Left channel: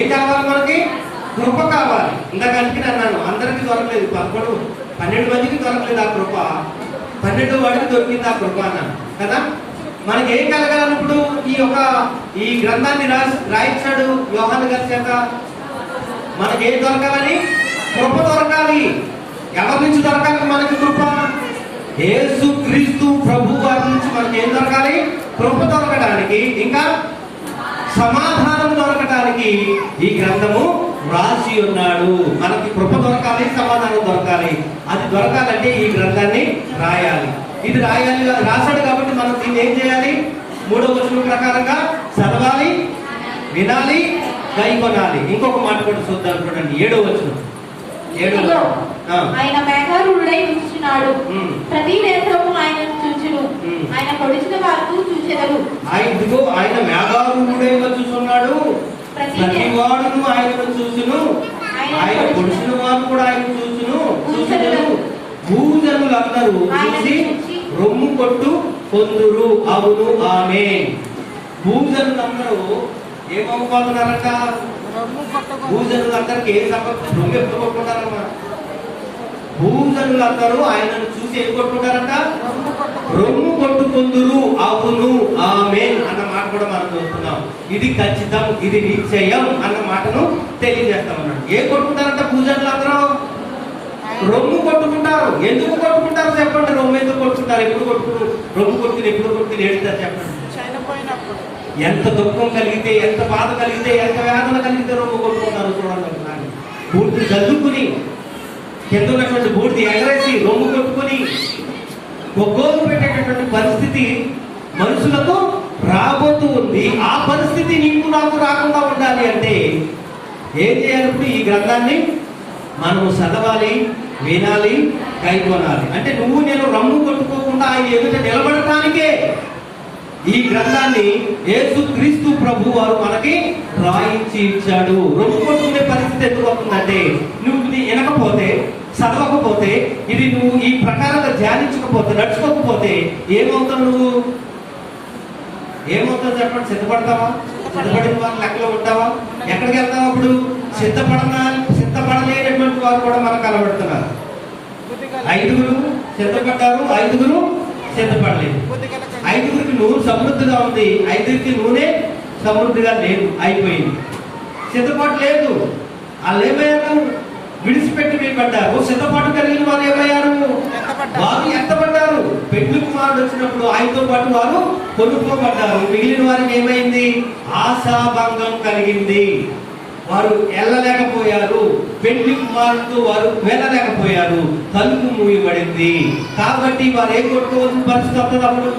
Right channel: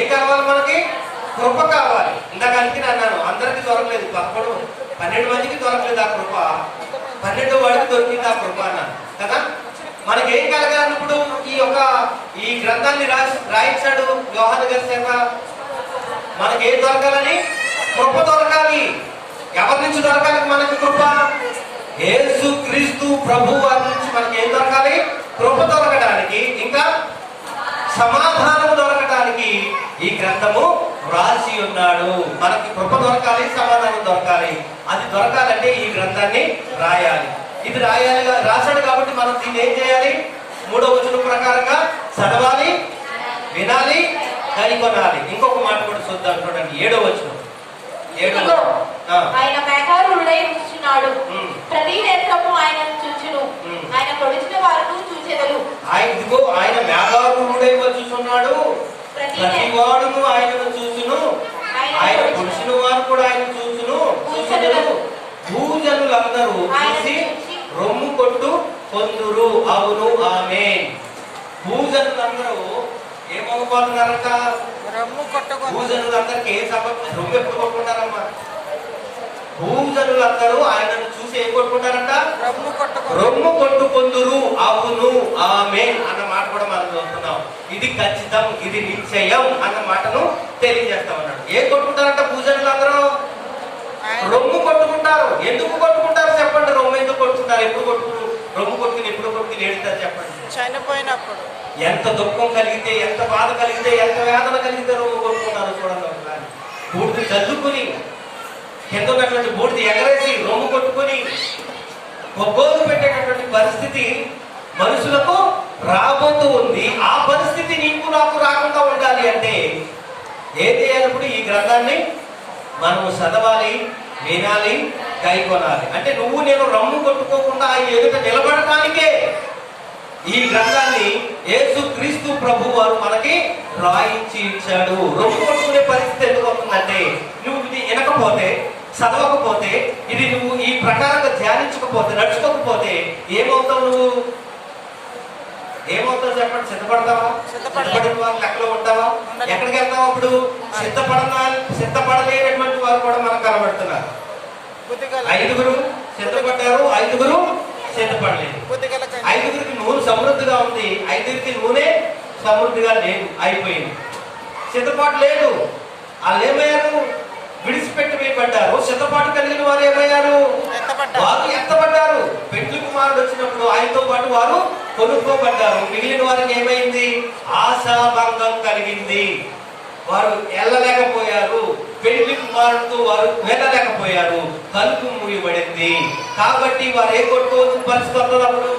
ఏం కావాలి మనకి కృప కావాలి. ఇందాక అందుకే అన్నాను అందరికీ దొరకలేదు పదకొండు పన్నెండు మందికి దొరకలేదు ఆ కృప. పన్నెండు వాడికి దొరికింది ఆ కృప అన్నాను. కదా? మనకి ఏం కలగాలన్నప్పుడు ఈ యొక్క ఈ గ్రంథాన్ని రాసి రాయించాడు వ్యవహార గారి చేత? మనకి ఏం దొరకాలని? కృప దొరకాలి. ఎవరి నుంచి దొరకాలి మనకి కృప? ఏసు క్రీస్తు ప్రభు వారి నుంచి మనకి ఏం దొరకాలి? కృప దొరకడానికి. ఇంకా సమాధానం దొరకటానికి ఈ గ్రంథము రాసి ఉన్నాడు. మనకి కృప దొరకాలి సమాధానం దొరకాలి. అది దొరకాలంటే ఈ గ్రంథాన్ని రాయాలి. ఇది రాయాలి రాశాడు కాబట్టి మనం దీన్ని ఏం చేయాలి? మూడో వచనం ప్రకారంగా చదవాలి వినాలి కైకొనాలి. ఇంకొక మాట కూడా చూద్దాం చూడండి. ఏడో వచనం. ఏడో ఆయన మేఘారుడై. ప్రతి దేశము ఆయన. ఆయన పొడిచిన వారు చూచెదరు. ఆయన ఇదిగో ఆయన మేఘారుడై వచ్చుచున్నాడు ప్రతి ప్రతి వాడును ఆయనను చూచును. ఆయన పురుషుని వారు కూడా ఆయన చూచును. చూచును భూజనులందరూ చూసి రొమ్ము కొట్టు కొందురు అవును ఆమె భూజనులందరూ ఏమనుకోతున్నారంట భూజనులందరికీ ఏం సంబంధం రొమ్ము ఎప్పుడు కొట్టుకుంటారమ్మా? భూజనులందరూ ఆయనను చూసి ఏం కొట్టుకుంటారంట? రొమ్ము కొట్టుకుందురు అవును ఆమె అన్న మాట కూడా మనం చూస్తున్నాం ఇది ఖచ్చితం ఇది నిశ్చయం అన్న మాటను తెలియజేస్తా ఉన్నాడు. ఏ కొట్టుకుంటారంట పూజలందరూ రొమ్ము కొట్టుకుంటారు. ఎందుకు కొట్టుకుంటారు చెప్పండి. రొమ్ము ఎందుకు కొట్టుకుంటారు? ఎప్పుడు కొట్టుకుని రొమ్ము కొట్టుకుని ఎప్పుడు కొట్టుకుని ఏడుతారు చెప్పండి. చనిపోయినప్పుడు. ఎంత దుఃఖం కలిగితే ఎంత బాధ కలిగితే ఎంత వేదన కలిగితే రొమ్ము కొట్టుకుంటారు చూడండి బూడిద జల్లుకుని కింద ఉన్నటువంటి బూడిద ఎగరేసి రొమ్ము కొట్టుకుని ఒగ్గోలు పెట్టేటటువంటి పరిస్థితి మనుషులకు రాబోతూ ఉంది. ఆ పరిస్థితి నీకు నాకు రాకుండా ఉండాలి అంటే ఏం చేయాలప్పుడు ఈ గ్రంథాన్ని? మనము చదవాలి వినాలి కైకొనాలి. అంటే నువ్వు నేను రమ్ము కొట్టుకోకుండా ఎదుట నిలబడటానికే ఈ గ్రంథాన్ని యేసు క్రీస్తు ప్రభు వారు మనకి రాయించి ఇచ్చాడు. రొమ్ము కొట్టుకునే పరిస్థితి ఎందుకు వస్తుందంటే నువ్వు వినకపోతే చదవకపోతే ఇది నువ్వు ఈ ప్రకారంగా ధ్యానించకపోతే నడుచుకోకపోతే ఏమవుతావు నువ్వు? ఏమవుతావు చెప్పండి సిద్ధపడతావా? సిద్ధపడిన వారు లెక్కలో ఉంటావా? ఎక్కడికి వెళ్తావు అప్పుడు? సిద్ధపడన సిద్ధపడలేనటువంటి వారు కూడా మనకు కనబడుతున్నారు. ఐదుగురు సిద్ధపడ్డారు ఐదుగురు సిద్ధపడలేదు. ఐదుగురికి నూనె సమృద్ధిగా ఉంది ఐదుగురికి నూనె సమృద్ధిగా లేదు అయిపోయింది. సిద్ధపాటు లేదు. వాళ్ళు ఏమయ్యారు? విడిచిపెట్టి వేయబడ్డారు సిద్ధపాటు కలిగిన వారు ఏమయ్యారు. వారు ఎత్తబడ్డారు. పెళ్ళి కుమారుడు వచ్చినప్పుడు ఆయనతో పాటు వారు కొనుక్కోబడ్డారు. మిగిలిన వారికి ఏమైంది? ఆశాభంగం కలిగింది. వారు వెళ్ళలేకపోయారు పెళ్ళి కుమారుడు వారు వెళ్ళలేకపోయారు. తలుపు మూయబడింది. కాబట్టి వారు ఏం కొట్టుకోవాల్సిన పరిస్థితి వస్తుంది అప్పుడు.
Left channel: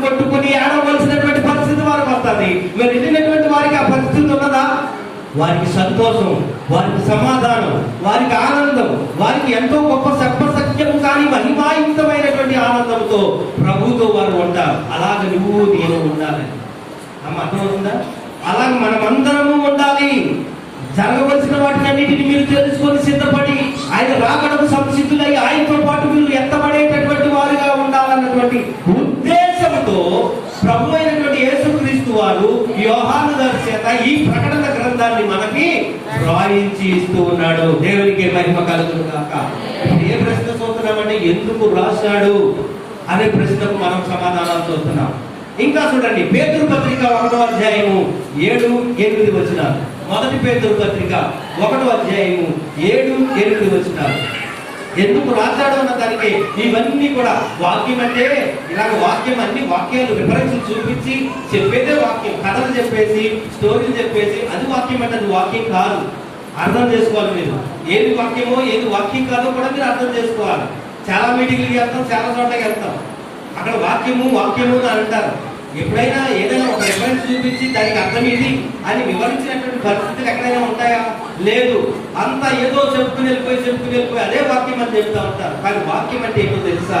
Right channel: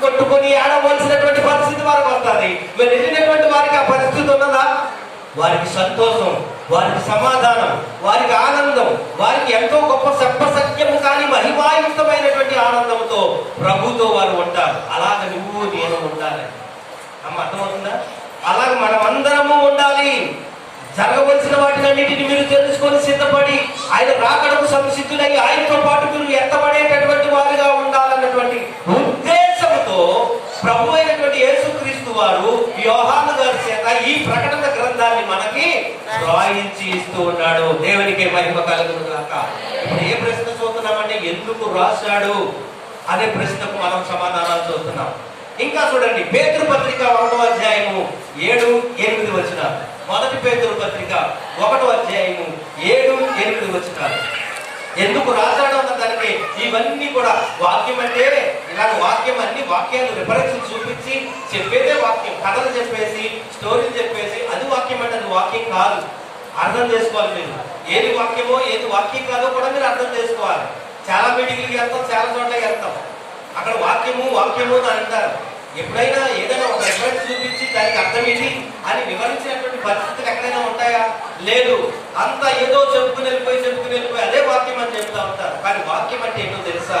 కొట్టుకుని ఆడవలసినటువంటి పరిస్థితి వారికి వస్తుంది. వెళ్ళినటువంటి వారికి ఆ పరిస్థితి ఉన్నదా? వారికి సంతోషం వారికి సమాధానం వారికి ఆనందం వారికి ఎంతో గొప్ప సత్యం కానీ మహిమాయుక్తమైనటువంటి ఆనందంతో ప్రభుతో వారు ఉంటారు. అలాగ నువ్వు నేను ఉండాలి. అమ్మ అర్థమవుతుందా అలాగే మనమందరము ఉండాలి. జరగవలసిన వాటినన్నిటిని మీరు తెలుసుకొని సిద్ధపడి ఆయన రాకడకు సంసిద్ధులై ఆయనతో పాటు మీరు ఎత్తబడేటటువంటి వారిగా ఉండాలన్నటువంటి ఉద్దేశంతో ప్రభు అయినటువంటి యేసుక్రీస్తు వారు యోహాను చేత ఈ ప్రకటన గ్రంథాన్ని మనకి రాయించి ఇస్తూ ఉన్నాడు. దేవునికి మహిమ కలుగును కాక ఏ ప్రశ్న చూస్తున్నామంటే ఎందుకు రాశాడు అనే ప్రశ్నకు మనం సమాధానాలు చూస్తున్నాం ఇంకా చూడండి పేతురు పత్రిక ఒకటో అధ్యాయము ఏడు ఎనిమిది వచ్చిన మొదటి పేతురు పత్రిక ఒకటో అధ్యాయము ఏడు ఎనిమిది వచ్చిన ఎందుకు రాశాడు అన్న దానికి? ఇవన్నీ కూడా వాక్యం అంటే ఇలాంటి వాక్యం అన్ని వాక్యాలు రిఫరెన్స్ చూపించి చెప్పేదే వాక్యం కథలు చెప్పేసి స్టోరీలు చెప్పేసి అది వాక్యం అంటే అది వాక్యం కాదు. అర్థం చేసుకోవాలి మీరు. ఏది వాక్యమో ఏది వాక్యం కాదో కూడా మీరు అర్థం చేసుకోవాలి. చాలా మీటింగ్లకి వెళ్తాం చాలా చోట్లకి వెళ్తాం. అక్కడ వాక్యము వాక్యము అని అంటారు. ఎప్పుడైనా ఏదైనా ఒక రిఫరెన్స్ చూపించి దానికి అర్థం ఏంటి అని వివరించినటువంటి పరిస్థితులు ఎక్కడైనా ఉంటాయా? లేదు. అంతా ఏదో చెప్పుకుని వెళ్ళిపోయి చెప్పుకుని వెళ్ళిపోయి అదే వాక్యం అని చెప్తా ఉంటారు. కానీ వాక్యం అంటే ఏంటో తెలుసా?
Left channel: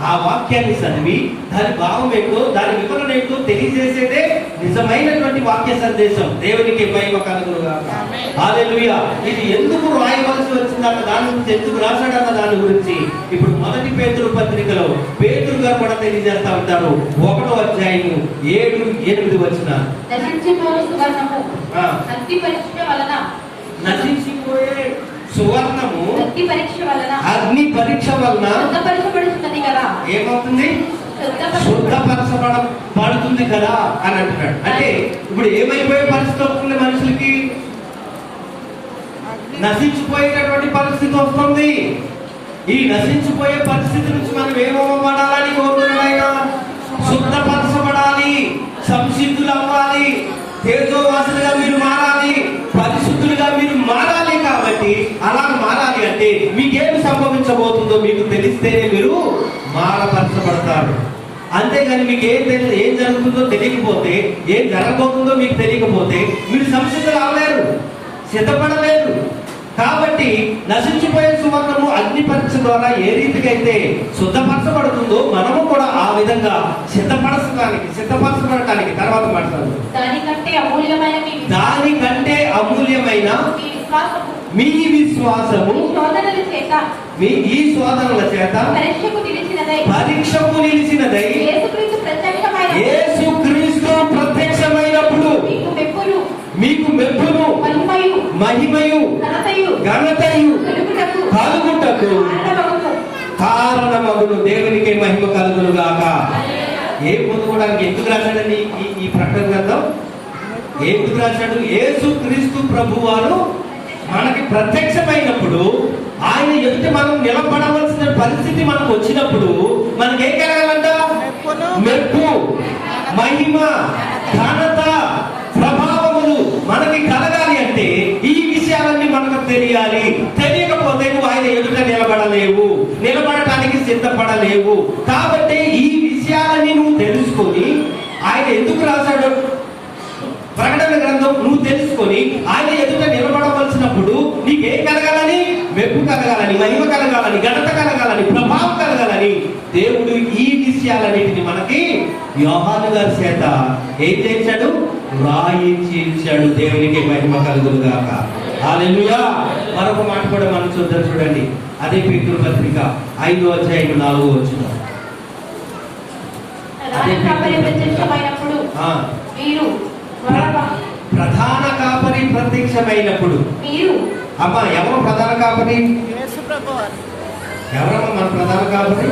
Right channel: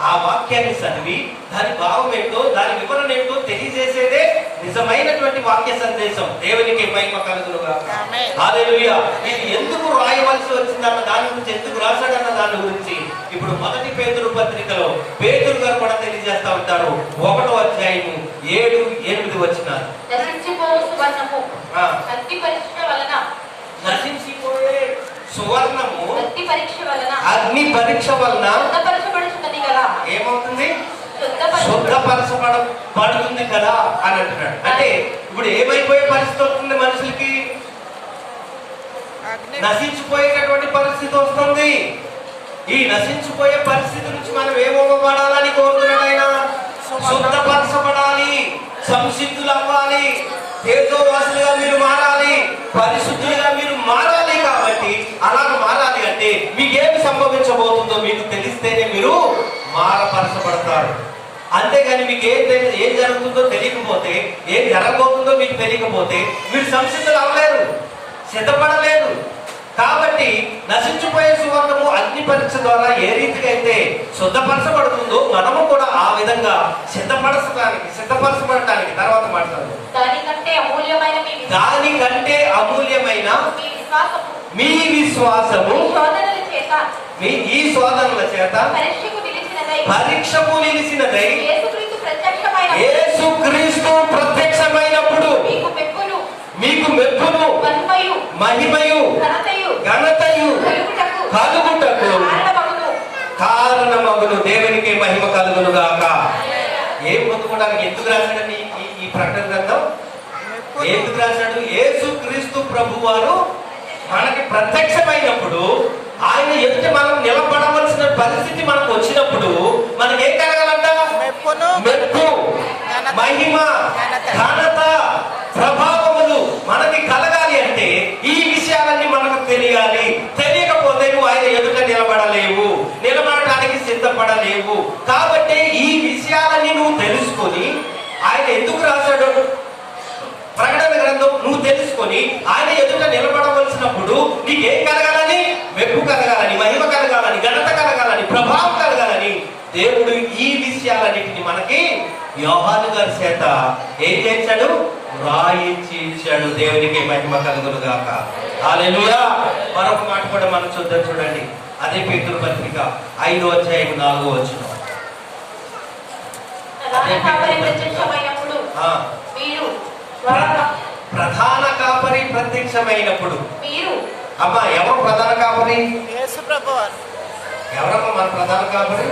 ఆ వాక్యాన్ని చదివి దాని భావం ఏంటో దాని వివరణ ఏంటో తెలియజేసేదే నిజమైనటువంటి వాక్య సందేశం. దేవునికి మహిమ కలుగునుగా ఇది ఎందుకు రాయవలసి వచ్చిందన్న దాని గురించి ఎందుకు రాశాడన్న దాని గురించి ఇప్పుడు మొదటి పేతురు పత్రికలో పేతురు గారు కూడా తెలియజేస్తా ఉంటారు. ఒకటో అధ్యాయము ఏడు ఎనిమిది వచ్చిన నశించిపోయే సువర్ణము అగ్ని పరీక్ష వలన. అగ్ని పరీక్ష వలన శుద్ధపరచబడుతున్నది కదా. ఏమవుతుంది? శుద్ధపరచబడు శుద్ధపరచబడ పడుతుంది కదా అని అంటున్నాడు. అంటే ఇప్పుడు ఏమైపోయే పరిస్థితి వస్తుంది మనుషులకి? నశించిపోయేటటువంటి పరిస్థితి వస్తుంది. ఈ నశించిపోయే పరిస్థితి నుంచి మనం ఏమవ్వబడాలని కోరుతున్నాడు ఆయన శుద్ధపరచబడాలి. సంసిద్ధులు అవ్వాలి. తేజోవాసులుగా మీరు మారాలి. పరిశుద్ధులుగా మీరు మారాలి కాబట్టి అలా మారాలి అంటే మీకేమి సంభవించబోతుందో మీకు తెలిస్తేనే మీరు మారపరచబడతారు. అంతేగాని మీకు ఏం తెలియదు ఏం జరుగుతుందో తెలియకపోతే ఏం జరగబోతుందో మీకు తెలియకపోతే మీరు సంసిద్ధులు అవ్వలేరు సిద్ధపడలేదు కాబట్టి నశించిపోయే సువర్ణము అగ్ని పరీక్ష ద్వారా ఏ రీతిగా అయితే శుద్ధపరచబడుతుందో మనము కూడా ఆ విధంగా సిద్ధపరచడానికి సిద్ధపరచబడటానికి తర్వాత మాట్లాడదు. దానికంటే అమూల్యమైన దానికంటే అమూల్యమైన మీ విశ్వాసము మీ విశ్వాసము మీ శోధనల చేత. మీ ఈ శోధనల చేత పరీక్షకు పిలిచినదై పరీక్షకు నిలిచినదై యేసుక్రీస్తు ప్రత్యక్షమైన. యేసుక్రీస్తు ప్రత్యక్షమైనప్పుడు మీకు మెప్పులు మీకు మహిమయు మహిమయు ఘనతయు ఘనతయు కలుగుటకు కలుగుటకు కారణమగును. దేవునికి మహిమ కలుగును గాక ఏం పొందుకోవడానికి ఎందుకు రాశాడండి ఈ ఈ ప్రకటన గ్రంథం? ఎందుకు రాశాడు? యేసు క్రీస్తు ప్రభు వారు మనకి ప్రత్యక్షమైనప్పుడు ఆయన ఎదుట మనం నిలబడవలసిన పరిస్థితి మనకు వచ్చినప్పుడు మనకి ఏం కలగాలంట? మెప్పు మహిమ ఘనత ప్రభావములు మనకి కలగాలి అంటే ఈ విషయాలన్నీ మనకు తెలియాలి. తెలియకపోతే నువ్వు ఆయన ఎదుట నిలబడలేవు నిలబడటానికి సిద్ధపడలేవు. కాబట్టి ఈ విషయాలన్నీ నువ్వు తెలుసుకొని ఆయన ఎందుకు రాశాడు? ప్రకటన గ్రంథం నువ్వు తెలుసుకొని ఆయన ఎదుట నిలబడవలసినప్పుడు నీకేం కలగాలని? మెప్పు కలగాలని మహిమ కలగాలని ఘనత కలగాలని ప్రభావం కలగాలని దేవుడు ఈ విషయాలన్నిటిని మనకి యోహాను గారి చేత ఏం చేశాడు రాయించి ఇచ్చాడు దేవునికి మహిమ కలుగును గాక మరొక మాట కూడా మనం చూద్దాం చూడండి. అదే పేతురు పత్రిక ఐదో అధ్యాయం నాలుగో వచ్చిన ప్రధాన ప్రధాన కాపరి ప్రత్యక్షమైనప్పుడు. మీరు. అమ్మా ఎవరు ప్రధాన కాపరి ఎవరమ్మా మన ప్రధాన కాపరి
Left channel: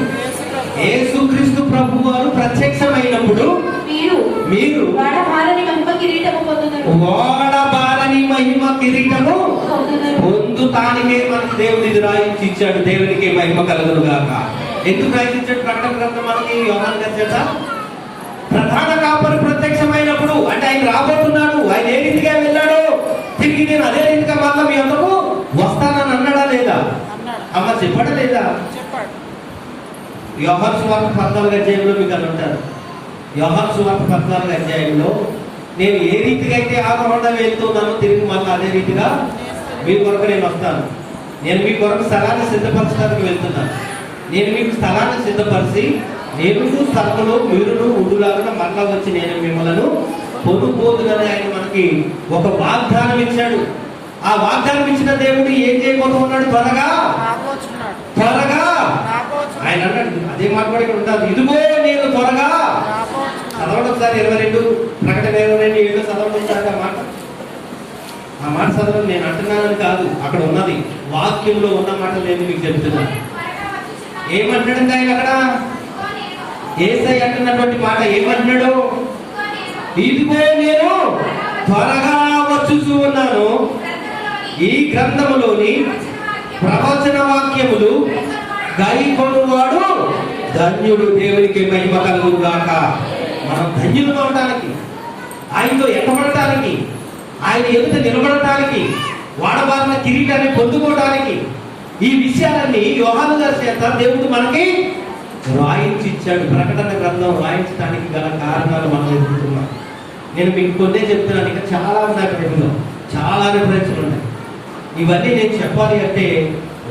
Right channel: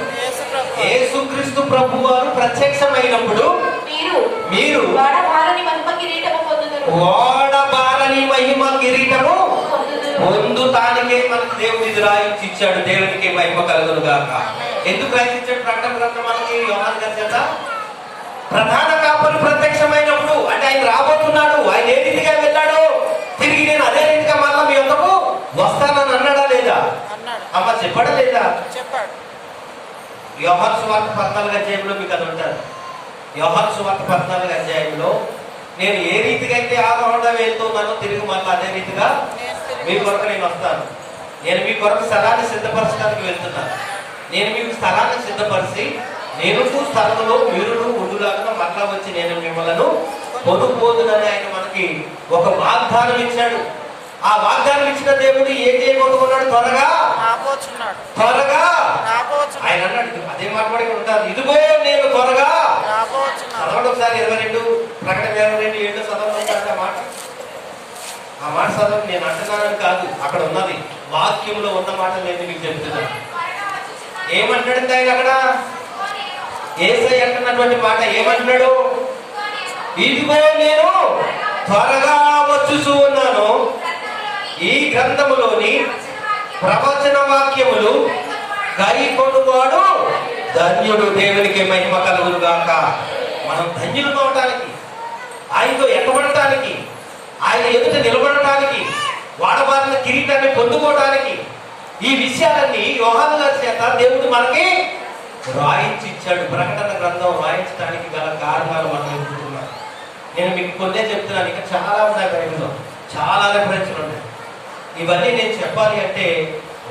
యేసుక్రీస్తు ప్రభు వారు ప్రత్యక్షమైనప్పుడు మీరు. మీరు. వాడభారని మహిమ కిరీటము పొందుదురు. ఓడబారని మహిమ కిరీటము పొందుతానికే మనకి దేవుడు ఇది రాయించి ఇచ్చాడు దేవునికి మహిమ కలుగును గాక ఎందుకు రాయించాడు? ప్రకటన గ్రంథం మనకి యోహాన్ గారి చేత ప్రధాన కాపరి ప్రత్యక్షమైనప్పుడు అంటే ఆయన రాబోతున్నాడు ఆయన ఏ రీతిగా వెళ్ళాడు తిరిగి నేను అదే రీతిగా మళ్ళా మీ అందకు వస్తానని అన్నాడా లేదా? అమ్మ చెప్పడా లేదా? యోహాన్ సువార్త పద్నాలుగు అధ్యాయంలో మీకు అది ఉంటారు యోహాన్ సువార్త పద్నాలుగు అధ్యాయంలో నేను ఏ రీతిగా అయితే ఆ రోడ్డ వెళ్తున్నానో తిరిగి మళ్ళీ అదే రీతిగా మీ కొరకు నేను వస్తాను. నేను మీ కొరకు స్థలాన్ని సిద్ధపరచడానికి వెళ్తున్నాను. నేను మీకు స్థలాన్ని సిద్ధపరిచి నేను స్థలంలో మీరును ఉండులాగా మరలా వచ్చి నేను మిమ్మల్ని పొందుపోదునని ఆయన మనకి ఒక వాగ్దానం ఇచ్చాడు. ఆ వాగ్దానం ఇచ్చిన దేవుడు ఏం చేయబోతున్నాడు? త్వరగా? త్వరగా? ఆయన అన్నాడు అదే మాట కూడా ఇక్కడ ఉంటారు ఇదిగో నేను త్వరగా. చదవండి ఒకసారి ఇరవై రెండు ప్రకటన ఇరవై రెండు ఏడు చదవండి ఒకసారి ఆ మాట. ఆ మాట చదవండి నేను అంటున్నానని కాదు అక్కడ ఉన్నది. వాక్యంలో ఉన్న మాట నేను మీకు చెప్తున్నాను. ఏమంటాడండి ఆయన అక్కడ? ఏసై అంటున్నటువంటి మాట ఏమంటున్నాడు? ఇదిగో నేను త్వరగా వచ్చుచూ ఉన్నాను. ఈ గ్రంథములోని ప్రవచన వాక్యములు గైకొనువాడు ధన్యుడు దేవునికి మహిమ కలుగుగాక మనం ధన్యులు కొనడానికి ఆయనతో ఎక్కబడటానికి ఆయన ఎదుట నిలబడటానికి వాడబారిన కిరీటాన్ని పొందుకోవడానికి ఈ విషయాలన్నీ యోహాను గారి చేత దేవుడు మనకి రాయించి ఇచ్చాడు ప్రకటన గ్రంథం రాయించడానికి గల కారణాలు మనం ఎదుర్కొంటున్నాం నేను మీకు కొన్నే చెప్తున్నాను. ఇంకా చాలా ఉన్నాయి బైబిల్లో చాలా రిఫరెన్స్లు ఉన్నాయి. ఇవన్నీ నేను చెప్పాలి అంటే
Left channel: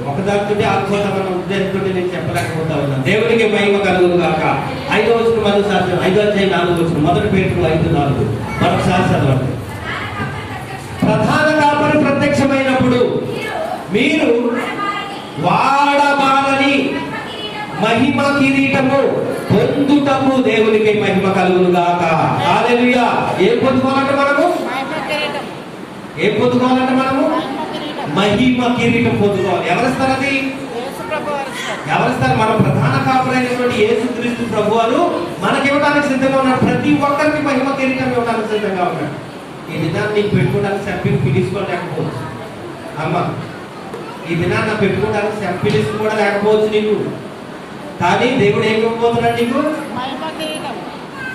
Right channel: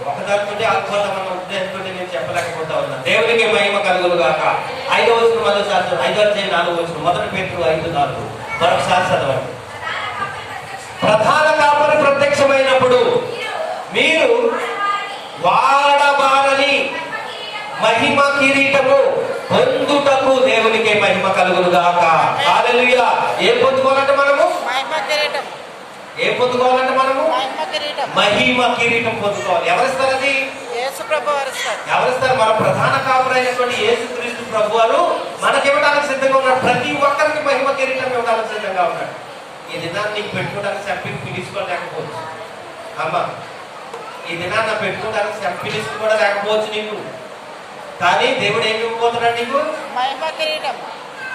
ఒకదానితో ఆత్మతమైన ఉద్దేశంతో నేను చెప్పలేకపోతా ఉన్నాను. దేవునికి మహిమ కలుగులు కాక ఐదో వచ్చిన మొదటి చదవండి. ఐదో అధ్యాయం నాలుగు వచ్చిన మొదటి పేరు ఐదు నాలుగు. మరొకసారి చదవండి. ప్రధాన కాపరి ప్రత్యక్షమైనప్పుడు మీరు వాడబారని మహిమ కిరీటము పొందుటకు దేవునికి మహిమ కలుగును గాక హల్లెలూయా. ఏం పొందుకోవాలంటే మనము? ఏం పొందుకోవాలంటే మనము? మహిమ కిరీటం. పొందుకోవాలి. ఎవరిస్తారు అది ఎవరిస్తారు మన ప్రధాన కాపురైనటువంటి యేసుక్రీస్తు ప్రభు వారు మనకి ఇవ్వడానికి సిద్ధంగా ఉన్నారు. ప్రతి ఒక్కరికి మహిమ కిరీటం ఇవ్వడానికి సిద్ధంగా ఉన్నాడు ఈ దినాన్ని నీకు పెట్టుకోవడానికి చంపిని పిలుచుకోలేకపోవచ్చు అమ్మా ఈ దినాన్ని నాకు పెట్టుకోవడానికి చంపిలిస్తూ కూడా లేకపోవచ్చు నీకు. కానీ దేవుడు ఏం ఇవ్వబోతున్నాడు నీకు?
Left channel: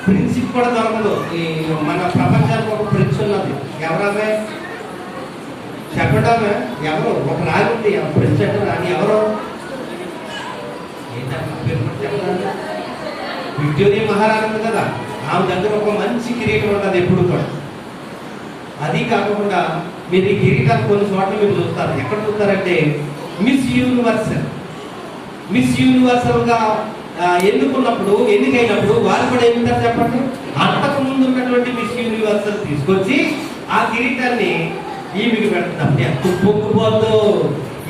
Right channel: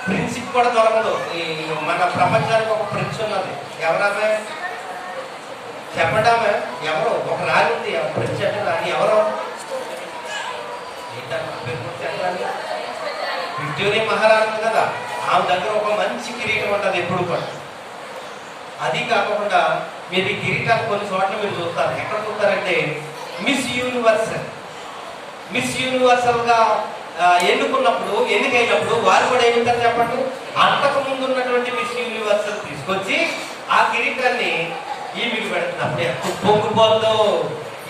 ప్రిన్సిప్ కూడా దొరకదు. ఈ మన ప్రపంచానికి ఒక ప్రిన్స్ ఉన్నది. ఎవరామె చెప్పడామే ఎవరు? ఒక రాజు ఉంది. ప్రిన్స్ అంటే రాని ఎవరు. విక్టోరియా మహారాజు కదా. ఆమె దగ్గర ఒక మంచి కిరీటం ఉంటుంది ఎప్పుడు కూడా. అది కాకుండా మీరు ఈ కిరీటాలు కొన్ని చోట్ల మీరు చూస్తారు. ఎక్కడ చూస్తారంటే మిస్ యూనివర్సల్ మిస్ యూనివర్సల్గా ఎన్నుకున్నప్పుడు ఎన్నికైనప్పుడు వారు కూడా ఏమిటారు చెప్పండి? అంతకు ముందు ఉన్నటువంటి మిస్ యూనివర్సల్ తీసుకొచ్చి ఆ కిరీటాన్ని ఈమెకి పెడుతున్నారు. ఎంత పొంగిపోతుందో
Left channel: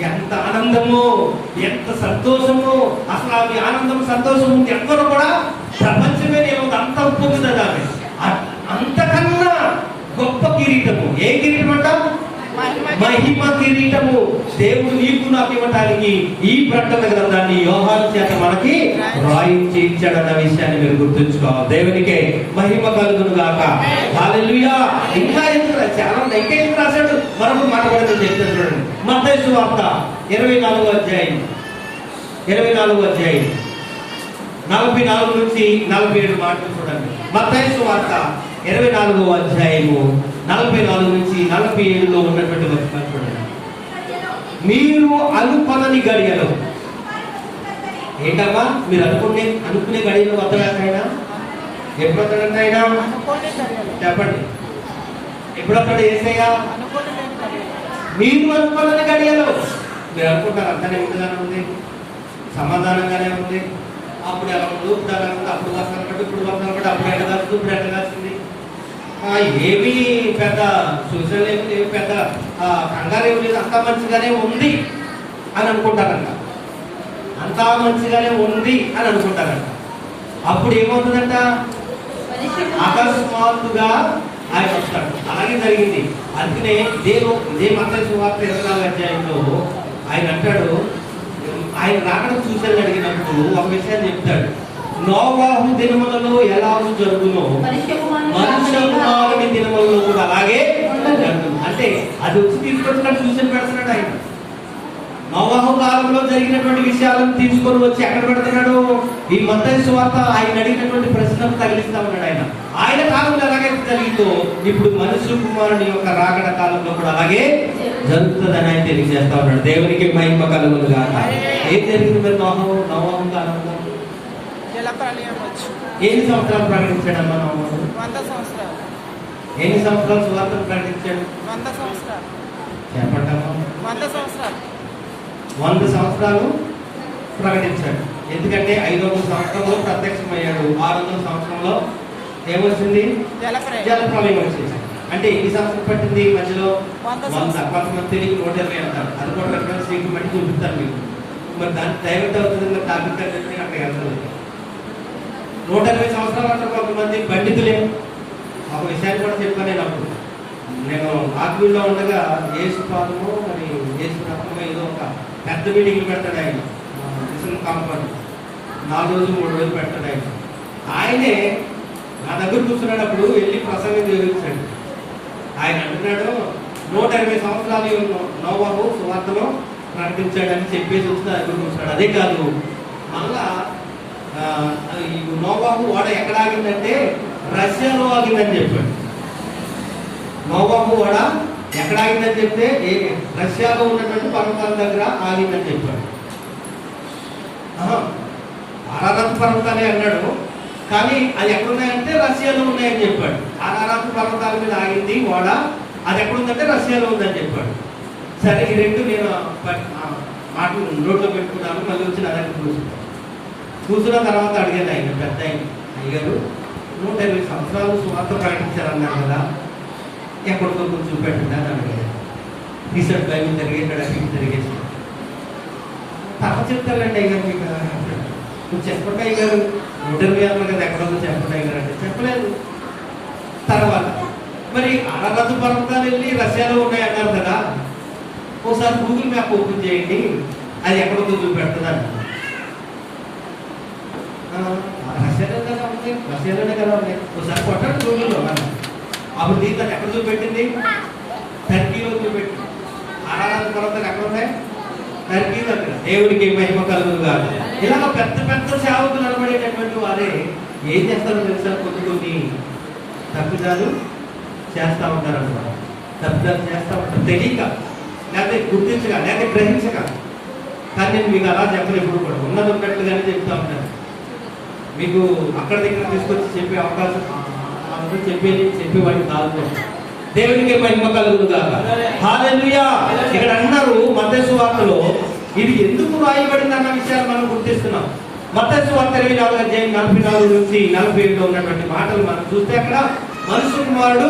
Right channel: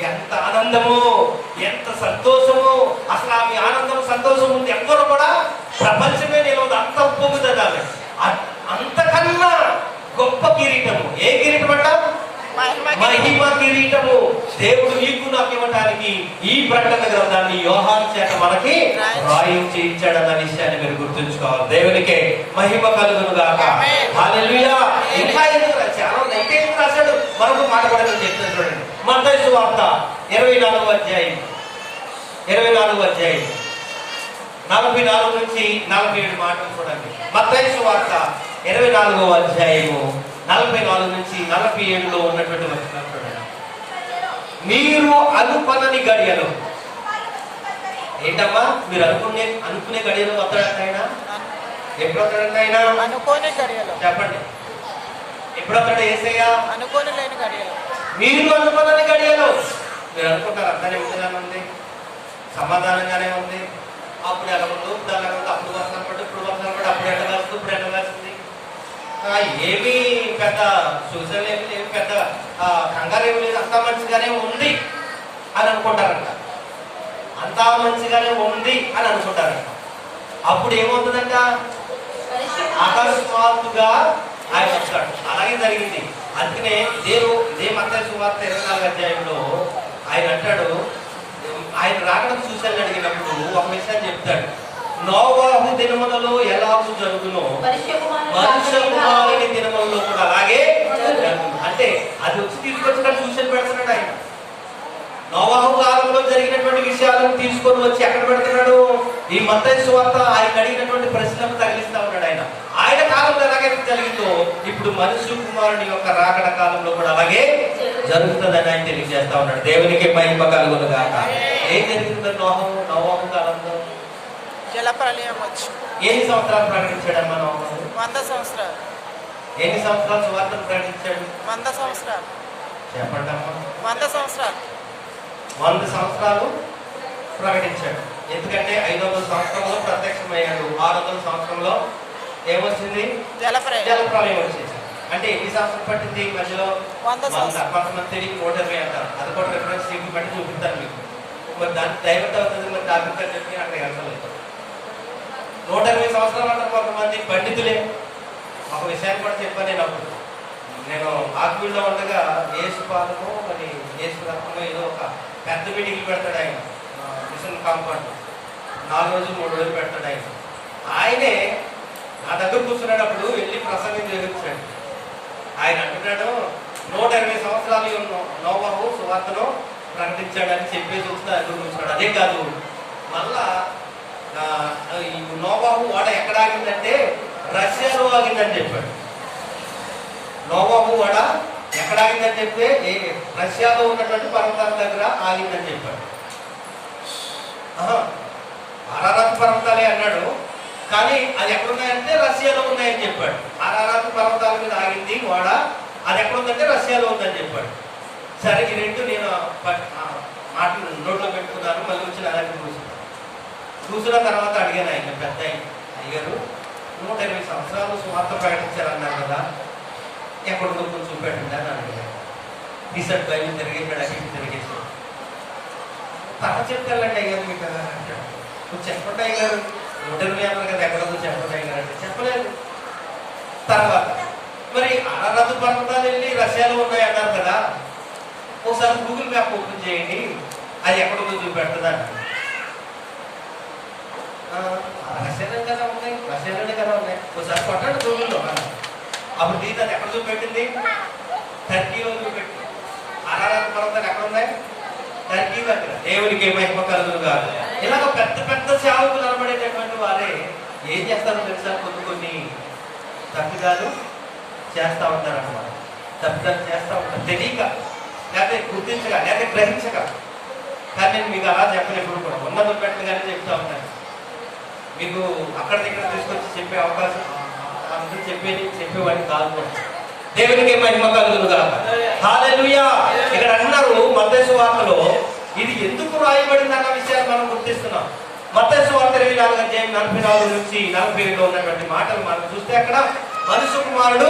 ఎంత ఆనందము ఎంత సంతోషము అసలు ఆమె ఆనందం సంతోషం ఉంది ఎవ్వరు కూడా ప్రపంచమే నేను అంత పొంగుతుంది ఆమె అంతకన్నా గొప్ప కిరీటము. ఏ కిరీటం అంటాం మహిమ కిరీటము దేవుడు నీకు నాకు ఇవ్వటానికి ఈ ప్రకటన గ్రంథాన్ని యోహాను చేత మనకి రాయించి ఇచ్చాడన్న విషయాన్ని మీరు గుర్తుంచుకోవాలి. దేవునికి మహిమ కలుగును గాక. హల్లెలూయా. ఇంకా ఎందుకు చాలా నైతే ఇంకా ఎందుకు రాశాడు? మరొక మాట కూడా నేను చెప్తాను చూడండి. మత్తయి వార్త ఇరవై నాలుగు అధ్యాయం. ఇరవై నాలుగు అధ్యాయం. నలభై నాలుగు నుంచి నలభై ఏడు మాటలు చూడండి. మతైసు వార్త ఇరవై నాలుగో అధ్యాయము. నలభై నాలుగు నుంచి నలభై ఏడులో ఉన్నటువంటి వచనాలు చూడండి మీరు అనుపనని గడియలు. ఏంటమ్మా? మీరు అనుకునే అనుకునే గడియలు వస్తాడంట ఆయన. ఎప్పుడు గడియలు. చెప్పండి. ఎప్పుడు లేని గడియలు. మీరు అనుకున్నది గడియలు. మీరు అనుకుంటారు అంతానే ఉందిగానే ఉంది. సమాధానంగానే ఉంది. అప్పుడు ఎలా ఉంది ఇప్పుడు ఎలా ఉంది అప్పుడు పడి ఇప్పుడు పడి అప్పుడు ఎండ కాస్తుంది ఇప్పుడు ఎండ కాస్తుంది ఏమీ పెద్ద సూచనలు ఏమి లేవు పెద్ద కంగారు ఏమి లేదు అంతా మంచిగానే ఉంది అని అనుకుంటారంట. అంతా మంచిగానే ఉంది అని అనుకుంటారంట. అప్పుడు ఏమవుతుందంట? అకస్మాత్తుగా ఆయన వస్తాడు. అలాగే జరిగింది. అందుకనే దేవు ఇదే మత సువార్త ఇరవై నాలుగు అధ్యాయంలో ఆయన అంటాడు ఆయన రాకడం చూసాను అడిగినప్పుడు ఒక విషయాన్ని చెప్తాడు. నోవాహు దినములలో ఎలా జరుగునో? మనుష్య కుమారుని దినములలో కూడా అలాగే. అంటే అది వచ్చి తీసుకొచ్చి చూసిన పెడుతున్నాడు ఆయన. నోవాహు కాలంలో జరిగినటువంటి విషయాలను తీసుకొని వచ్చి ఎక్కడ పెడుతున్నాడు? ఈ మత్తయి సువార్త ఆయన అడిగినటువంటి ప్రశ్నలు తగిలిస్తా ఉన్నాడు ఆయన. ఆయన కాలంలో ఎలాగైతే జరిగిందో ఇప్పుడు మనుషు కుమారుని యొక్క రాకడ కాలంలో కూడా అలాగే జరుగుతుందని ఆయన తెలియజేస్తా ఉన్నాడు. దేవునికి మహిమ కలుగును గాక ఏం జరిగిందో నోహం నోవాహు కాలంలో? ప్రళయం వచ్చు ఎన్ని సంవత్సరాలు ప్రకటించాడమ్మా నోవాహు వంద సంవత్సరాలు. ఎన్ని సంవత్సరాలు సువార్తను ప్రకటించాడు? వంద సంవత్సరాలు. చెప్పండమ్మా వంద సంవత్సరాలు. వంద సంవత్సరాలు ప్రకటించాడు. ఎందుకంటే ఐదు వందల సంవత్సరంలో ప్రత్యక్షమయ్యాడు. ఆరు వందల సంవత్సరంలో ఏమొచ్చింది? జల ప్రళయం జల ప్రళయం వచ్చింది. అంటే ఎన్ని సంవత్సరం పట్టింది మధ్యలో? కొంతమంది తిరిగి నూట ఇరవై అంటారు అది కూడా రెఫరెన్స్ బట్టి చూపిస్తారు మీకు. మరి దానికి డైవర్ట్ అవుతుంది మరి టాపిక్ అని చెప్పి అక్కడ వెళ్తలేదు. నూట ఇరవై సంవత్సరాలు అంటే కొంతమంది పండితులే. ఒక విషయాన్ని కూడా చెప్పాను నేను అప్పుడు. నేను ఆత్మీయుల్లో ఉండగా ఏసు అని మరి ఏదో ఒక పెద్ద మీటింగ్లు పెడతాడు ఆయన. Mission compound. నాలుగు రోజులు మూడు రోజులు పెడతాడు ఆయన. ఆయనే నా దగ్గర కూర్చున్నప్పుడు వెళ్ళి ప్రసంగం చేయించాడు ఆయన అంటున్నాడు నూట ఇరవై సంవత్సరాలు నోవాహు సువార్తను ప్రకటించాడని చెప్పేసి వచ్చిన నా అదే కాదు మళ్ళా నోబాబు వడ వాడ ఎక్కడ ఆగిందంటే రష్యాలో ఆగిందని చెప్పాడు. నోబాబు వాడ ఎక్కడ ఆగిందని చెప్తే ఏ రష్యాలో ఉన్నటువంటి పర్వతాల దగ్గర ఆగిందని చెప్పాడు. అరారత్ పర్వతాలే అన్నాడు. కానీ అది ఎక్కడున్నాయంటే రష్యాలో ఉన్నాయని చెప్పాడు. అరారత్ పర్వతాల మీద ఆగింది వాడ. అది ఎక్కడ ఉందంటే రష్యాలో ఉందని చెప్పాడు. సరే ఈ రెండు నేను పట్- మాటలు నోట్లో పెట్టుకున్నాను మళ్ళీ వచ్చి నా దగ్గర చూసిన తర్వాత అడిగాను ఆయన పెద్ద అయ్యారు నూట ఇరవై సంవత్సరాలు సువార్త ప్రకటించారన్నారు కదా ఎక్కడికో కొంచెం చూపెట్టండి అని అడిగాను రీసెంట్ బైబిల్ తిరిగేసాడు అక్కడ తిరిగేసాడు తర్వాత చెప్తానండి అయ్యారు మీకు. నువ్వు చెప్పండి అయ్యారు నూట ఇరవై అన్నారు కదా ఎక్కడో చెప్పండి అయ్యారు అంటే చెప్పలేదు. తర్వాత మరి అరనదు పర్వతాలు వెళ్ళి రష్యాలో ఉన్నాయి అన్నారు కదా ఒకసారి గూగుల్ మ్యాప్ ఓపెన్ చేయండి అది ఎక్కడో చూపెడుతుందండి రష్యాలో కదా ఉన్నాయి రష్యాలోనే కదా ఉన్నాయి ఒకసారి కొట్టండి గూగుల్లో మనం అప్పుడు దీని అది ఎక్కడ చూపెట్టింది? టర్కీలో చూపెట్టింది. ఆరాధన పర్వతాలు ఎక్కడ ఉన్నాయి? టర్కీ అక్కడ దేవుడికి మహిమ కలుగును కాదు ఇలా పెద్ద పెద్ద సేవకులు అనబడేటటువంటి వారే ఏం చేస్తారో తెలుసా? కొన్ని కొన్ని తప్పు కాదు చేస్తా ఉంటారు అనమాట తప్పు కాదు చేస్తా ఉంటారు. తెలియక లేకపోతే గుర్తించక లేకపోతే గ్రహించక. కానీ నేను మీకు అలా చెప్పలేదు ఇప్పుడు కూడా. ఉన్నది ఉన్నట్టుగానే చెప్తా ఉంటాను. మీకు అక్కడ దగ్గర తీసుకొచ్చి చెప్పే అవకాశం చెప్పేది చెప్పేవాడిని కాదు. దేవునికి మహిమ కలుగును కాక హల్లెలూయా. ఇక్కడ అన్నారు మత్తయి వార్తలో ఇది ఎందుకు రాయబడింది అన్న విషయాన్ని మనం గుర్తిస్తున్నాం. మత్తయి వార్త ఇరవై నాలుగు అధ్యాయం నలభై నాలుగు నుంచి నలభై ఏడులో ఉన్నటువంటి మాటలు మనం చూస్తే అక్కడ మనుషు కుమారుడు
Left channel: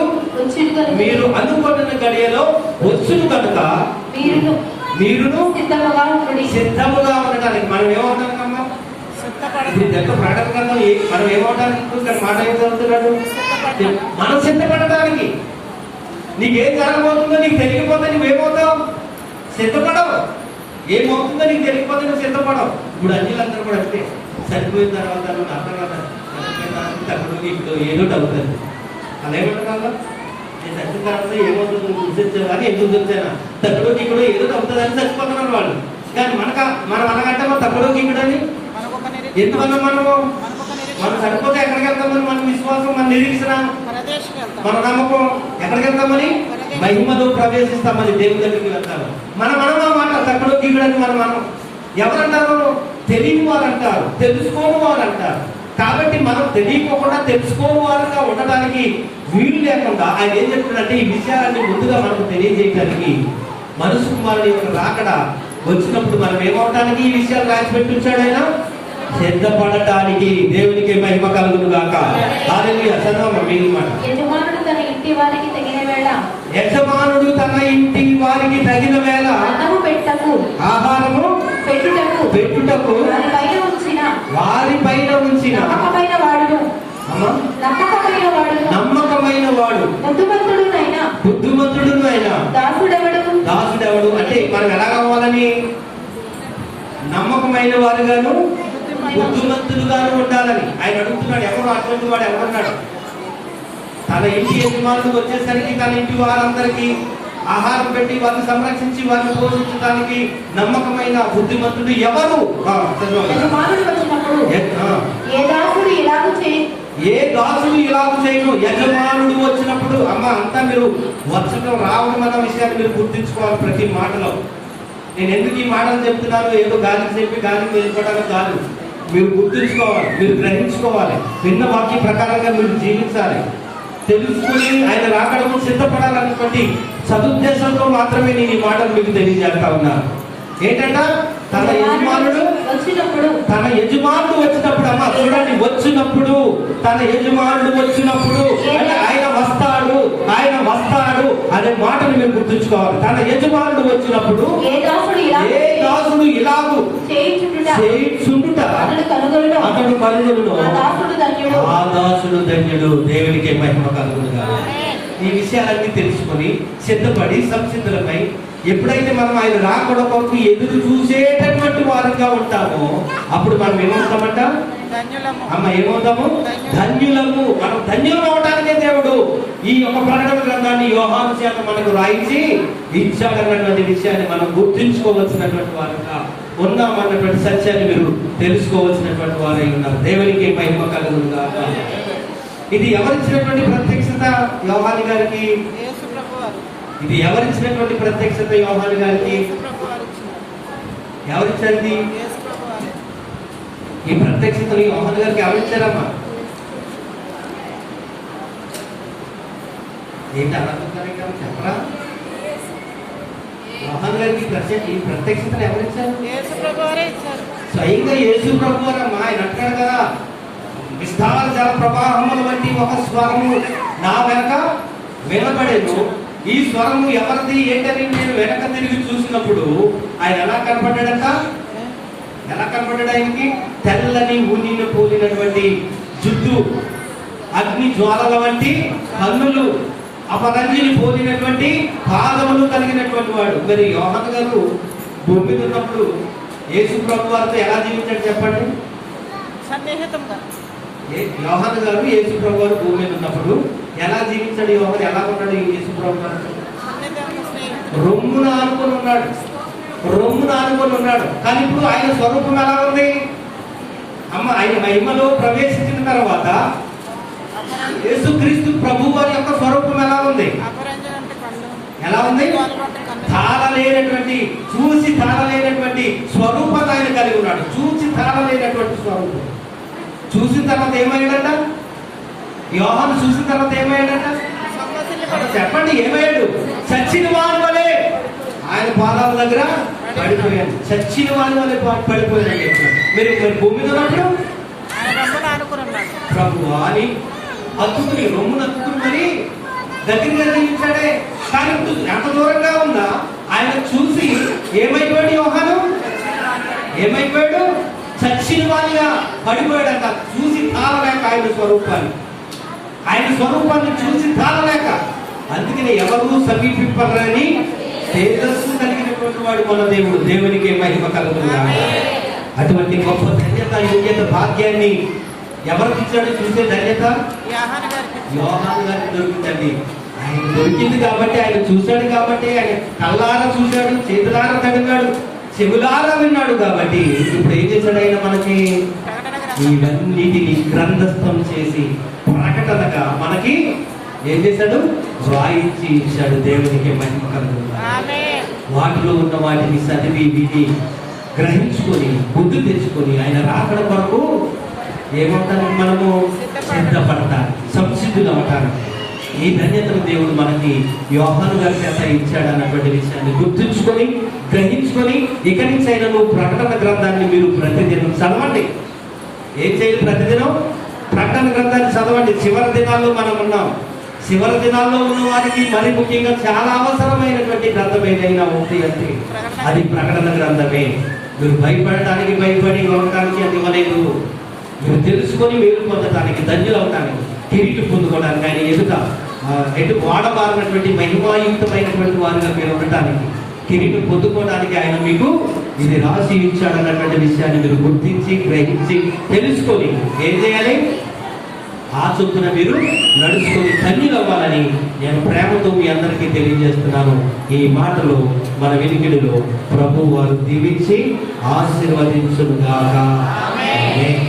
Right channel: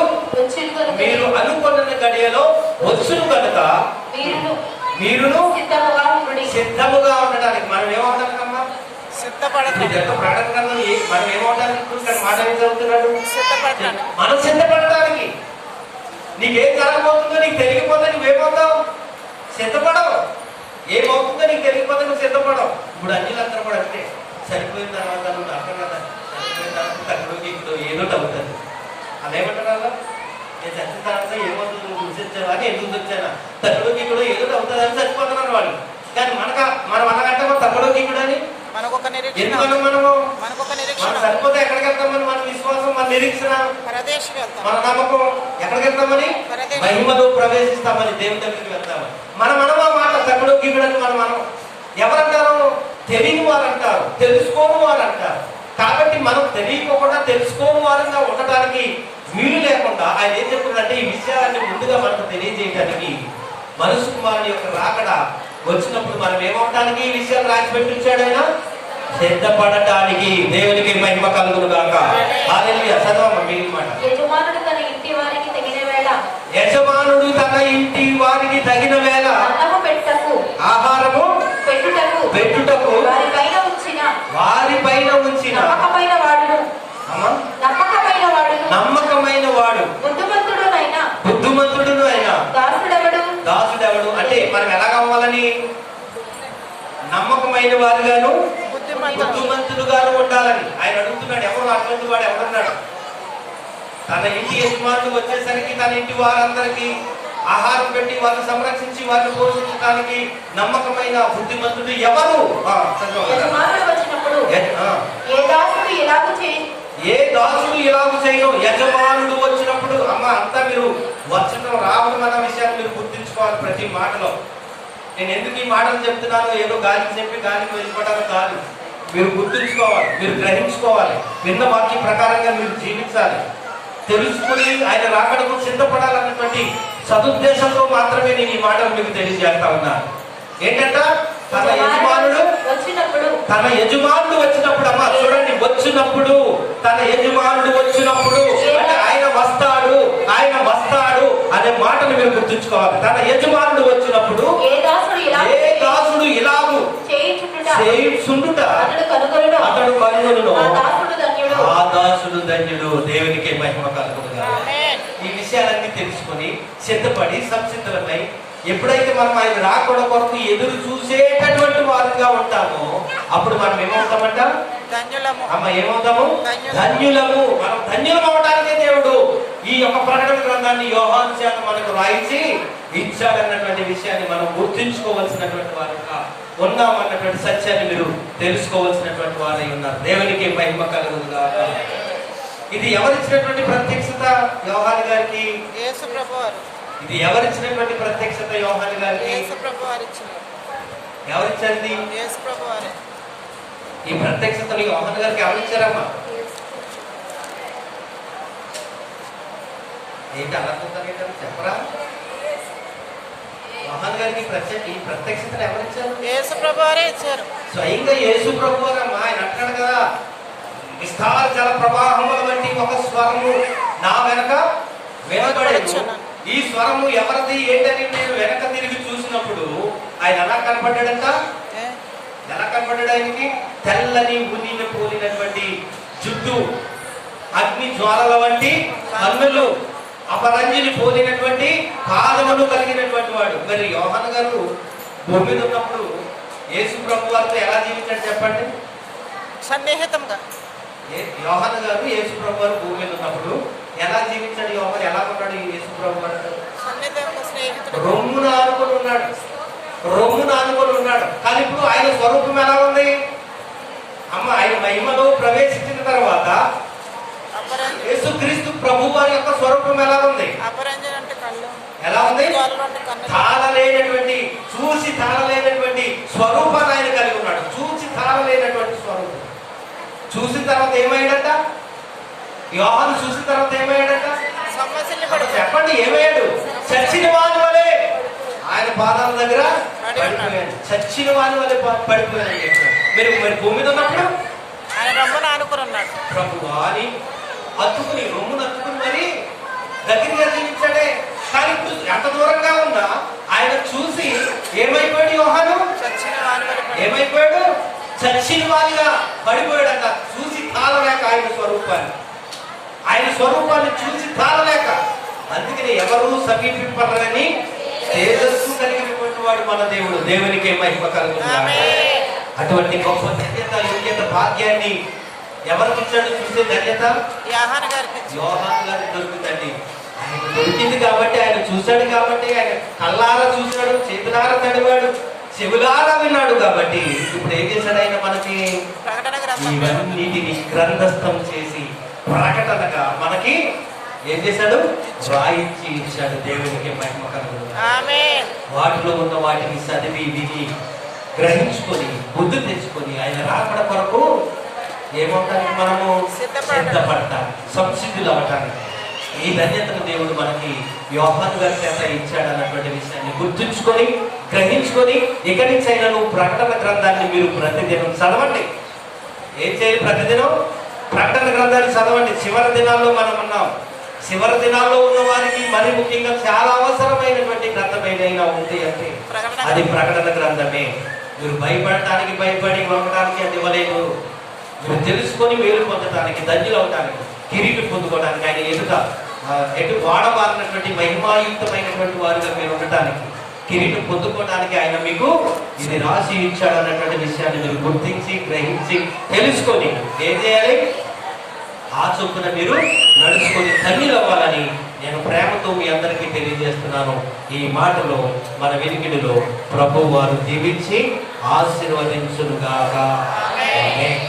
మీరు అనుకున్న గడియలో వచ్చును కనుక మీరు మీరును సిద్ధముగా ఉండి సిద్ధముగా ఉండడానికి మనం ఏమంటారమ్మా ఇప్పుడు సిద్ధపడదు ఇది ఎంత ప్రకటన గ్రంథం ఏ- మనం ఏమవడానికి ఇప్పుడు మాట ఏం చదువుతున్నాడు? మనం సిద్ధపడడానికి నీకేం జరగబోతుందో నీకు తెలియకపోతే నువ్వేమవుతావు సిద్ధపడవు. ఏమవుతుందో నీకు తెలియకపోతే నువ్వు సిద్ధపడవు. ఇప్పుడు అన్నిలందరూ కూడా అంతే. సరిపోయిన తర్వాత నువ్వు అర్థం కదా. చనిపోయిన తర్వాత తగ్గుడు ఇప్పుడు ఏదో అవుతుంది అలా ఏమంటారు నేను చచ్చిన తర్వాత ఏమవుతుంది? నువ్వు గుర్తించావా నేను గుర్తించానా తగ్గుడు ఇప్పుడు ఏదో ఒకటి అవుతుందని చచ్చిపోతున్నారు వాళ్ళు. కానీ మనక మనం అనగంటే మనం తగ్గుడు ఇప్పుడు అని నిరీక్షణ. మనము మనం సరిపోతే ఎక్కడికి వెళ్తామని మన విశ్వాసం మన నిరీక్షణ మన నమ్మకం ఎక్కడికి వెళ్తామని మహిమలో ప్రవేశిస్తామని దేవుని దగ్గరికి వెళ్తాము. మనం మనం ఆ మాట తక్కువ గిగుడని మనం మనం ఎవరంటారు? తెలియని వారు అంటారు తెలుసుకోని వారు అంటారు కాబట్టి మనం తెలియకోకుండా తెలుసుకోని వారుగా ఉండడానికి వీలు లేకుండా ఆయన ఏం చెప్తున్నాడంటే ఈ విషయాన్ని ముందుగా మనకు తెలియజేయడానికి మనసు కుమారుని యొక్క రాకడ వచ్చినప్పుడు మనం ఏమవడానికి ఈ విషయాలు రాసి పెట్టించాడు ఆయన? సిద్ధపడటానికి దేవునికి మహిమ కలుగును గాక హాలెలూయా చదవమ్మ మిగిలిన మాట. యజమానుడు తన ఇంటి వారికి తగిన వేళ. యజమానుడు తన ఇంటి వారికి తగిన వేళ. అన్నము పెట్టకు ఆహారము పెట్టుటకు. పెట్టుటకు. వారి పైన ఉంచిన. వారి పైన ఉంచిన. నమ్మకమైన వాడును. అమ్మ, నమ్మకమైన వాడును. నమ్మకమైన వాడు. బుద్ధిమంతుడునైనా. బుద్ధిమంతుడు ఆయన దాసుడెవడు? దాసుడెవడు? అంటే మనం ఎలా కావాలని నమ్మకమైన వారుగాను బుద్ధిమంతుడుగాను ఉండాలని. ఆయన అడుగుతున్నాడు ఎవరు అటువంటి వాడు ఎవరున్నాడు? తన ఇంటి యజమానులు వచ్చేసరికి తన ఇంటి వారందరికీ ఆహారం పెట్టి వారిని సంరక్షించి వారిని పోషించడానికి నమ్మకమైన బుద్ధిమంతుడు ఎవరు? ఏ- దాసుడు ఇలాగ చేయను. యజమానుడు వచ్చినప్పుడు అమ్మ అంతా మీరు వచ్చడం రావడం అన్న విషయాన్ని మీరు గుర్తించుకోవాలి ప్రతి మాటలో. నేను ఎందుకు ఈ మాటలు చెప్తున్నాను? ఏదో గాలికి చెప్పి గాలికి వెళ్ళిపోవడానికి కాదు. మీరు గుర్తుంచుకోవాలి మీరు గ్రహించుకోవాలి విన్న వాక్య ప్రకారంగా మీరు జీవించాలి. తెలుసుకుని ఆయన రాకడకు సిద్ధపడాలన్నటువంటి సదుద్దేశంతో మాత్రమే నేను ఈ మాటలు మీకు తెలియజేస్తా ఉన్నాను ఏంటంట? తన యజమానుడు వచ్చినప్పుడు. తన యజమానుడు వచ్చినప్పుడు అమ్మా చూడండి వచ్చినప్పుడు తన యజమానుడు వచ్చినప్పుడు అంటే ఆయన వస్తాడు ఆయన వస్తాడు అనే మాటను మీరు గుర్తుంచుకోవాలి. తన యజమానుడు వచ్చినప్పుడు ఏ ఇలా ఏ దాసుడు ఇలాగు చేయుచుండుట. అతడు కనుగొనును. ఆ దాసుడు ధన్యుడు. ఆ దాసుడు ధన్యుడు. దేవునికి మహిమ కలుగునుగా ఈ విషయాలన్నీ తెలుసుకొని సిద్ధపడి సంసిద్ధులమై ఎప్పుడైతే మనం ఆయన రాకుండా కొరకు ఎదురు చూసేటటువంటి వారంగా ఉంటామో అప్పుడు మనం ఏమవుతామంట? ధన్యులము. అమ్మ ఏమవుతాము? ధన్యులము. మనం ధన్యులం అవటానికే దేవుడు. ఈ యొక్క ప్రకటన గ్రంథాన్ని యోహాను చేత మనకు రాయించి ఇచ్చాడన్నటువంటి విషయాన్ని మనం గుర్తుంచుకోవాల్సినటువంటి వారుగా ఉన్నామన్నటువంటి సత్యాన్ని మీరు తెలుసుకోవాల్సినటువంటి వారై ఉన్నారు. దేవునికి మహిమ కలుగునుగా ఇది ఎవరిచ్చినటువంటి ప్రత్యక్షత యోహాని గారికి? ఇది ఎవరిచ్చినటువంటి ప్రత్యక్షత యోహాని గారికి? ఎవరిచ్చింది? ఈ ప్రత్యక్షతని యోహాన్ గారికి ఎవరిచ్చారమ్మా? ఏంటి కదా చెప్పరా? యోహాన్ గారికి ప్రత్యక్ష ఈ ప్రత్యక్షతను ఎవరిచ్చారు? యేసు ఇచ్చారు. స్వయంగా యేసు ప్రభు వారమ్మా ఆయన అంటాడు కదా విస్తార జల ప్రవాహముల వంటి ఒక స్వరము నా వెనక వినబడేను. ఈ స్వరము ఎవరిది ఏంటని నేను వెనక తిరిగి చూసినప్పుడు ఆయన ఎలా కనపడ్డాడంట? ఎలా కనపడ్డాడు ఆయనకి? తెల్లని ఉనిని పోలినటువంటి జుట్టు అగ్ని జ్వాలల వంటి కన్నులు. అపరంజిని పోలినటువంటి పాదములు కలిగినటువంటి వాడు. మరి యోహన్ గారు భూమి ఉన్నప్పుడు యేసు ప్రభు వారితో ఎలా జీవించాడు చెప్పండి? సన్నిహితంగా. యోహాను గారు యేసు ప్రభు వారు భూమి ఉన్నప్పుడు ఎలా జీవించాడు? యోహాను ఎలా ఉన్నాడు యేసు ప్రభు వారు రొమ్మున ఆనుకొని ఉన్నాడు. రొమ్మున ఆనుకొని ఉన్నాడు. కానీ ఇప్పుడు ఆయన స్వరూపం ఎలా ఉంది అమ్మ ఆయన మహిమలో ప్రవేశించిన తర్వాత యేసుక్రీస్తు ప్రభు వారి యొక్క స్వరూపం ఎలా ఉంది? ఎలా ఉంది? తాళలేనటువంటి చూసి తాళలేనటువంటి స్వరూపాన్ని ఆయన కలిగి ఉన్నాడు. చూసి తాళలేనటువంటి స్వరూపం. చూసిన తర్వాత ఏమైందట? యోహాను చూసిన తర్వాత ఏమైందట? చెప్పండి ఏమయ్యాడు చచ్చిన వాని వలె ఆయన పాదాల దగ్గర పడిపోయాడు చచ్చిన వాని వలె పడిపోయాడు మీరు మరి భూమి మీద ఉన్నప్పుడు ప్రభు అని హత్తుకుని రొమ్ము నత్తుకుని మరి గట్టిగా నిర్ణయించాడే కానీ ఎంత దూరంగా ఉందా? ఆయన చూసి ఏమైపోయాడు యోహాను? ఏమైపోయాడు? చచ్చిన వాడిగా పడిపోయాడంట. చూసి తాళలేక ఆయన స్వరూపాన్ని. ఆయన స్వరూపాన్ని చూసి తాళలేక. అందుకని ఎవరు సమీపింపరని తేజస్సు కలిగినటువంటి వాడు మన దేవుడు. దేవునికి మహిమ కలుగుతుందా అటువంటి గొప్ప యోగ్యత భాగ్యాన్ని ఎవరికి ఇచ్చాడు చూసే ధన్యత? యోహాను గారికి. దొరుకుతుందండి. ఆయన దొరికింది కాబట్టి ఆయన చూశాడు కాబట్టి ఆయన కళ్ళారా చూశాడు చేతులారా తడివాడు చెవులారా విన్నాడు కాబట్టి ఇప్పుడు ఏం చేశాడు ఆయన మనకి? ఇవన్నిటిని గ్రంథస్థం చేసి ప్రకటనగా మనకి ఏం చేశాడు? రాయించి ఇచ్చాడు దేవునికి మహిమ వాటిలో ఉన్న వాటిని చదివి విని గ్రహించుకొని బుద్ధి తెచ్చుకొని ఆయన రాకడ కొరకు ఏమవుతానికి మనము సిద్ధపడటానికి సంసిద్ధులు అవటానికి ఈ ధన్యతను దేవుడు మనకి యోహాను గారి చేత ఇచ్చాడు అన్నటువంటి విషయాన్ని గుర్తుంచుకొని గ్రహించుకొని ఇక్కడి నుంచి అయినా నువ్వు ప్రకటన గ్రంథాన్ని మీరు ప్రతిదినం చదవండి. ఏం చేయాలి ప్రతిదినం? ప్రకటన గ్రంథాన్ని చదవండి. చివరి దినాల్లో మనం ఉన్నాం. చివరి దినాల్లో ఉన్న వారికి మరి ముఖ్యంగా చాలా అవసరమైనటువంటి గ్రంథం ఏదైనా ఉంది అంటే అది ప్రకటన గ్రంథమే. మీరు భయపడటానికి భయపడి వండటానికి అది ఇవ్వలేదు. మీరు తెలుసుకొని మేలు పొందడానికి ధన్యులు అవడానికి కిరీటి పొందుకోవడానికి ఆయన ఎదుట ఎటు వాడబారినటువంటి మహిమాయుక్తమైనటువంటి వారిగా మీరు ఉండటానికి కిరీటం పొందుకోవడానికి ఆయన మీకు ఇది రాసి ఇచ్చాడు అన్నటువంటి విషయాన్ని మీరు గుర్తించి గ్రహించి తెలుసుకొని ఏం చేయాలి? ఆ చొప్పున మీరు నడుచుకొని ధన్యులు అవ్వాలని నేను ప్రేమతో మీ అందరికీ తెలియజేస్తున్నాను. ఈ మాటలో మన వినికిడిలో ప్రభు వారు దీవించి ఆశీర్వదించునుగాక. ఆమేన్.